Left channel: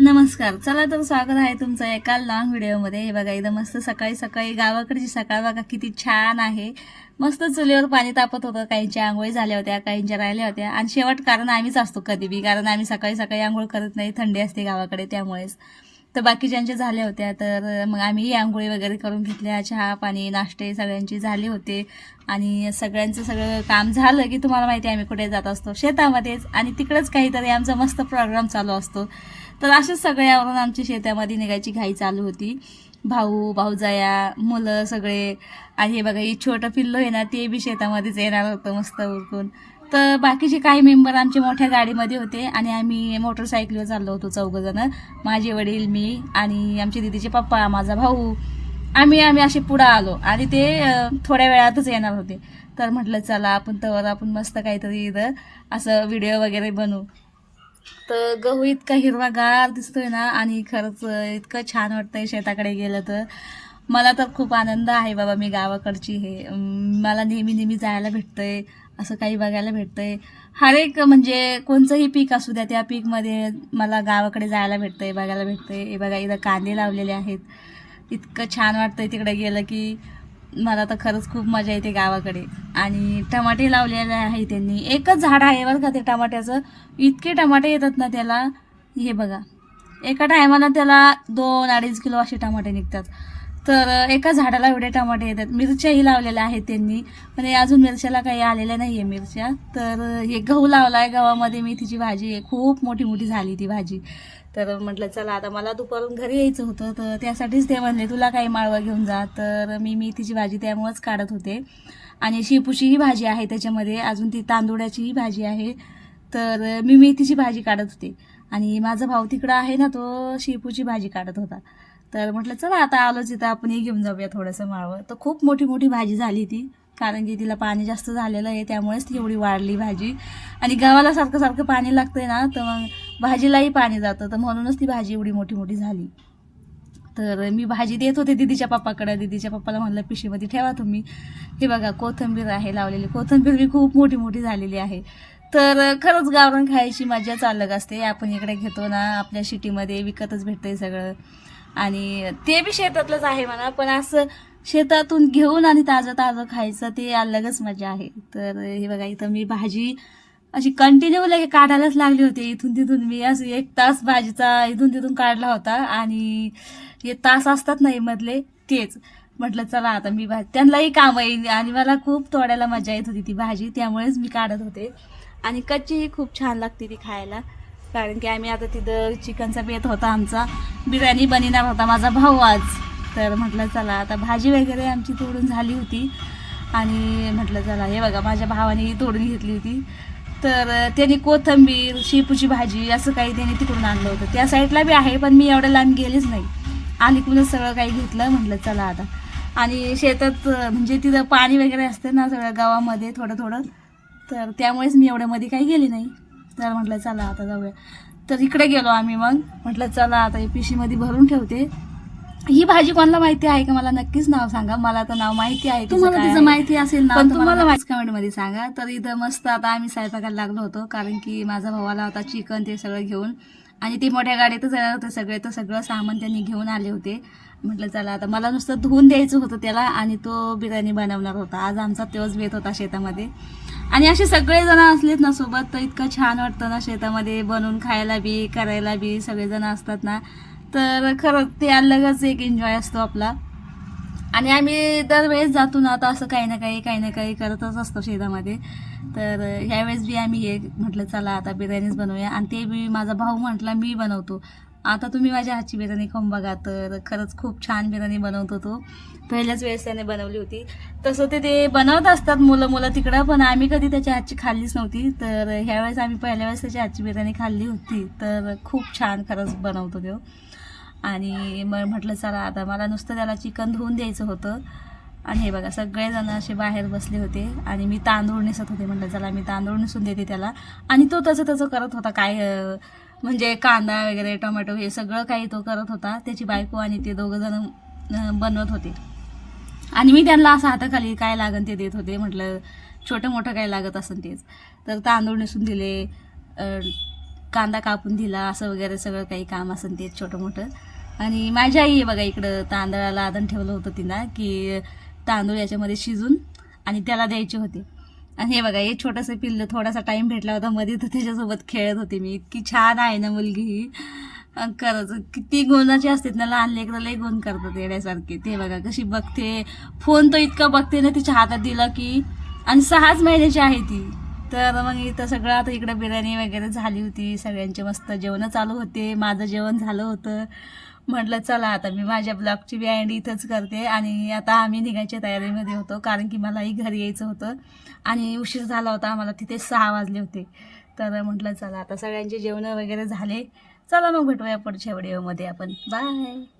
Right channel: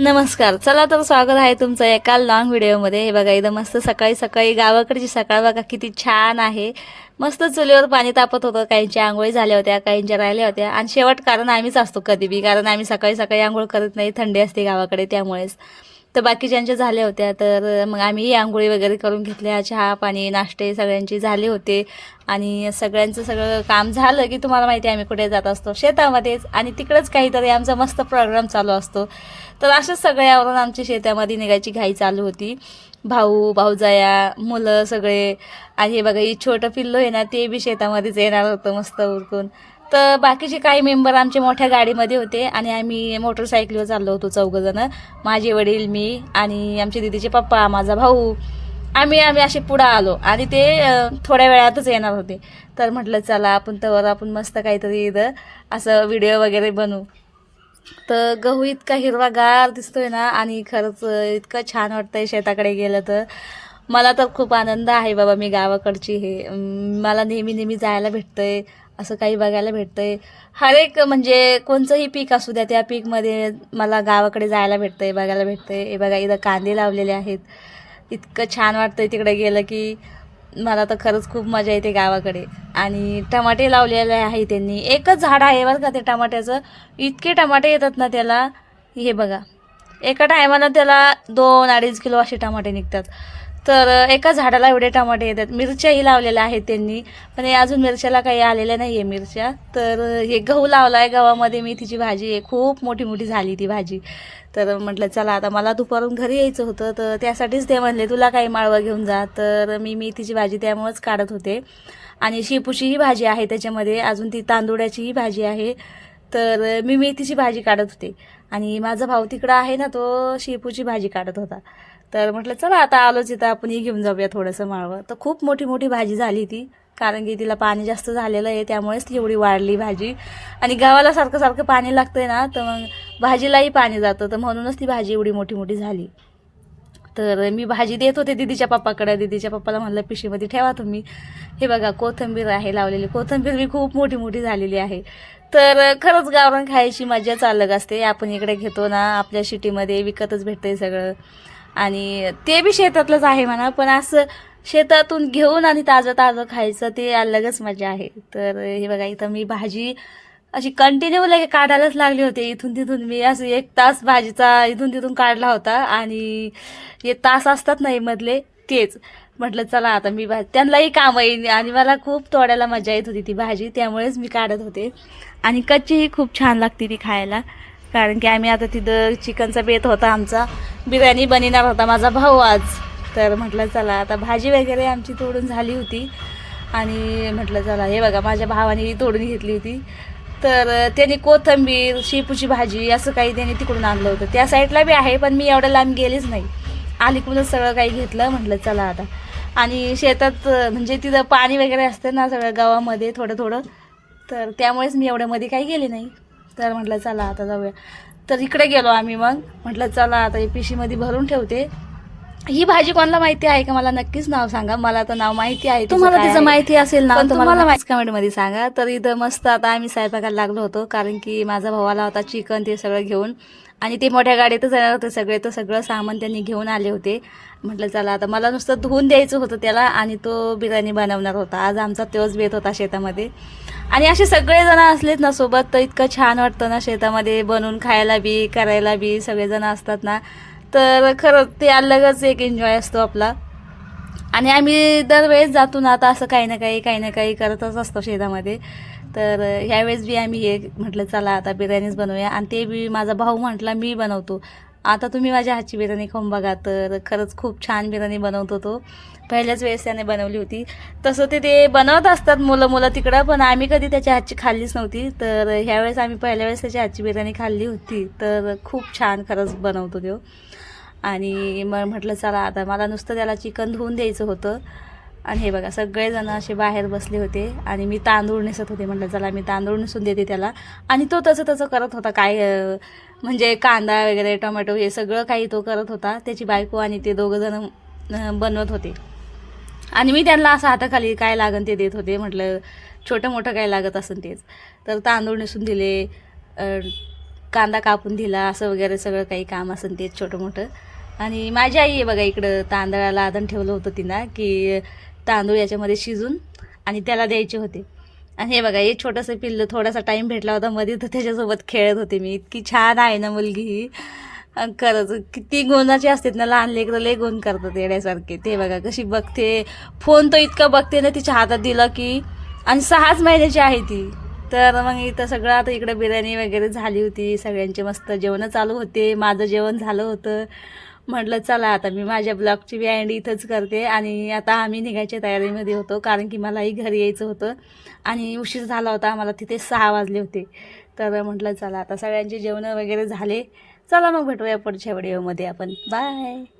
नमस्कार. चला तर स्वागत आहे तुमचं एका लॉंग व्हिडिओमध्ये. हे बघा इथं मस्त सकाळी सकाळी गावाकडची सकाळ बघा किती छान आहे. मस्त चुलीवर पाणी तापत होतं. काहींच्या आंघोळी झाल्या होत्या, काहींच्या राहिल्या होत्या आणि शेवट कारण आम्हीच असतो कधी बी, कारण आम्ही सकाळी सकाळी आंघोळ करत नाही, थंडी असते गावाकडे त्यामुळेच. तर बाकीच्यांच्या झाल्या होत्या, तर मग आम्ही आंघोळी वगैरे करून घेतल्या. चहा पाणी नाश्ते सगळ्यांचे झाले होते आणि सगळ्यांचं सगळं काम झालं की तुम्हाला माहिती आहे आम्ही कुठे जात असतो, शेतामध्येच, आणि तिकडंच काहीतरी आमचा मस्त प्रोग्राम चालू असतो. तर अशाच सगळ्यावरून आमची शेतामध्ये निघायची घाई चालू होती. भाऊ भाऊजाया मुलं सगळे, आणि हे बघा ही छोटं पिल्लू आहे ना, ते बी शेतामध्येच येणार होतं मस्त उरकून. तर बाकीचे काही मेंबर आमचे मोठ्या गाडीमध्ये होते आणि आम्ही मोटरसायकलीवर चाललो होतो चौघंजणं. माझे वडील, मी आणि आमचे दीदीचे पप्पा, माझा भाऊ. आम्ही असे पुढं आलो आणि ते थोड्या वेळातच येणार होते. तर म्हटलं चला आपण मस्त काहीतरी इथं असं व्हिडिओ वगैरे बनवू. तर गहू इतका हिरवागार दिसतोय ना, आणि खरंच इतकं छान वाटतंय शेताकडे गेलं तर. मला तर खूप आनंद आहे बाबा, मी गावाकडची हे मला नेहमी नेहमी जायला भेटतंय, असं काही बघायला भेटतंय. हर एक म्हणजे कोणचंही पीक असू द्या, त्या पीकमध्ये मला गावाकडे जायला भेटतंय, बघायला भेटतंय. हे बघा इथं कांदे लावलेले आहेत. इतकं छान वाटतंय तिकडे गेलं की. मला तर खरंच खूप मजा येते गावाकडे. आणि टमाटे लावलेले आहे त्यांनी, एकच झाड आहे बरं का ते टमाट्याचं. इतके टमाटे येतात ना त्याला, हे बघा एका टायमाला त्याला 2-2.5 किलो असे टमाटे निघतात. तर एका झाडाला एवढे टमाटे येतात. मिरच्याही लावलेल्या आहेत त्यांनी, पण हे अजून मिरच्याला काही आलेल्या नाही आहे मिरच्या. तर हे गहू लावला आहे, गव्हामध्ये मेथीची भाजी आहे, खूप मोठी मोठी झाली ती भाजी. तर म्हटलं चला आता मला दुपारून घरी यायचं होतं, तर त्यासाठीच ते म्हणले तुला काही माळवा घेऊन जा. तर मी मेथीची भाजी त्यामुळंच काढत होते. आणि शेपूचीही भाजी आहे त्याच्यामध्ये, अजून ती तांदूळाचीही भाजी आहे. तर मी मेथीची भाजी काढत होते आणि माझा भाऊ तिकडं आहे ना, तो शेपूची भाजी काढत होता. तर म्हटलं चला आता आलोच इथं आपणही घेऊन जाऊया थोडंसं माळवं. तर खूप मोठी मोठी भाजी झाली ती, कारण की तिला पाणी जास्त झालेलं आहे त्यामुळेच ती एवढी वाढली भाजी. आणि गव्हाला सारखं सारखं पाणी लागतंय ना, तर मग भाजीलाही पाणी जातं, तर म्हणूनच ती भाजी एवढी मोठी मोठी झाली. तर मी भाजी देत होते दीदीच्या पप्पाकडे. दीदीच्या पप्पाला म्हणलं पिशीमध्ये ठेवा तुम्ही. हे बघा कोथिंबीर आहे लावलेली, कोथिंबीर मी खूप मोठी मोठी झालेली आहे. तर खरंच गावरान खायची मजाच अलग असते. आपण इकडे घेतो ना, आपल्या सिटीमध्ये विकतच भेटतंय सगळं, आणि ते बी शेतातलंच आहे म्हणा, पण असं शेतातून घेऊन आणि ताजं ताजं खायचं ते अलगच मजा आहे. तर हे बघा इथं मी भाजी अशी कंटिन्यू लगे काढायलाच लागले होते. इथून तिथून मी असं 1 तास भाजीचा इथून तिथून काढला होता. आणि हे तास असतात नाही मधले, तेच म्हटलं चला आता मी त्यांनाही काम येईल, आणि मला खूप तोडायला मजा येत होती ती भाजी, त्यामुळेच मी काढत होते. आणि कच्चीही खूप छान लागते ती खायला, कारण की आम्ही आता तिथं चिकनचा बेत होता आमचा, बिर्याणी बनवणार होता माझा भाऊ आज. तर म्हटलं चला आता भाजी वगैरे आमची तोडून झाली होती, आणि म्हटलं चला हे बघा माझ्या भावाने तोडून घेतली होती. तर त्यांनी कोथिंबीर शेपूची भाजी असं काही त्यांनी तिकडून आणलं होतं. त्या साईडला बी आहे, पण मी एवढ्या लांब गेलीच नाही, अलीकडूनच सगळं काही घेतलं. म्हटलं चला आता. आणि शेतात म्हणजे तिथं पाणी वगैरे असतं ना सगळं गावामध्ये थोडं थोडं, तर त्यामुळेच मी एवढ्यामध्ये काही गेले नाही. तर म्हटलं चला आता जाऊया. तर इकडे गेलो आम्ही. मग म्हटलं चला आता ही पिशीमध्ये भरून ठेवते. ही भाजी कोणाला माहिती आहे का, मला नक्कीच नाव सांगा. मला तर नाव माहिती आहे, तुम्हाला तिचं माहिती असेल ना, पण तुम्हाला माहिती कमेंटमध्ये सांगा. तर इथं मस्त आता आम्ही स्वयंपाकाला लागलो होतो, कारण की माझा भाऊ आला होता चिकन ते सगळं घेऊन, आणि ते मोठ्या गाडीतच येणार होते सगळे, तर सगळं सामान त्यांनी घेऊन आले होते. म्हटलं चला आता मला नुसतं धुवून द्यायचं होतं त्याला, आणि तो बिर्याणी बनवणार होता. आज आमचा तोच बेत होता शेतामध्ये. आणि असे सगळेजण असलेत ना सोबत, तर इतकं छान वाटतं ना शेतामध्ये बनवून खायला बी करायला बी सगळेजण असतात ना, तर खरंच ते अलगच एक एन्जॉय असतो आपला. आणि आम्ही दरवेळेस जातो ना, आता असं काही ना काही करतच असतो शेतामध्ये. तर ह्यावेळेस बी आम्ही हे म्हटलं चला आता बिर्याणीच बनवूया, आणि ते बी माझा भाऊ म्हटला मी बनवतो, आता तुम्ही माझ्या हातची बिर्याणी खाऊन बघा. तर खरंच खूप छान बिर्याणी बनवतो तो. पहिल्याच वेळेस त्याने बनवली होती. तसं ते बनवत असतात मुलं तिकडं, पण आम्ही कधी त्याच्या हातची खाल्लीच नव्हती. तर ह्यावेळेस आम्ही पहिल्या वेळेस त्याच्या हातची बिर्याणी खाल्ली होती. तर खूप छान खरंच बनवतो तो. आणि मग म्हटलं चला आता मला नुसतं त्याला चिकन धुवून द्यायचं होतं. आणि हे बघा सगळेजण असे बाहेर बसले होते, आणि मी तांदूळ नेसत होते. म्हटलं चला मी तांदूळ नेसून देते त्याला. आणि तो तसं करत होता काय, म्हणजे कांदा वगैरे टोमॅटो हे सगळं काही तो करत होता. त्याची बायको आणि ते दोघंजण बनवत होते, आणि मी त्यांना असं हाताखाली काय लागन ते देत होते. म्हटलं छोटं मोठं काय लागत असेल तेच. तर तांदूळ नेसून दिले, कांदा कापून दिला, असं वगैरे सगळं काही काम असेल ते छोटं मोठं. आणि माझी आई आहे बघा इकडं तांदळाला आधण ठेवलं होतं तिनं की तांदूळ याच्यामध्ये शिजून आणि त्याला द्यायचे होते. आणि हे बघा हे छोटंसं पिल्लं, थोडासा टाईम भेटला होता मध्ये तर त्याच्यासोबत खेळत होते मी. इतकी छान आहे ना मुलगी ही. खरंच किती गुणाची असतात ना लहान लेकरं, लय गुण करतात येण्यासारखे. ते बघा कशी बघते, फोन तर इतका बघते ना तिच्या हातात दिला की. आणि 6च महिन्याची आहे ती. तर मग इथं सगळं आता इकडं बिर्याणी वगैरे झाली होती, सगळ्यांचे मस्त जेवणं चालू होते, माझं जेवण झालं होतं. म्हटलं चला आता मी माझ्या ब्लॉगची एंड इथंच करते. आणि आता आम्ही निघायच्या तयारीमध्ये होतो कारण की मलाही घरी यायचं होतं आणि उशीर झाला होता, आम्हाला तिथे 6 वाजले होते. तर म्हटलं चला आता सगळ्यांचे जेवणं वगैरे झाले. चला मग भेटूया पुढच्या व्हिडिओमध्ये आपण. बाय.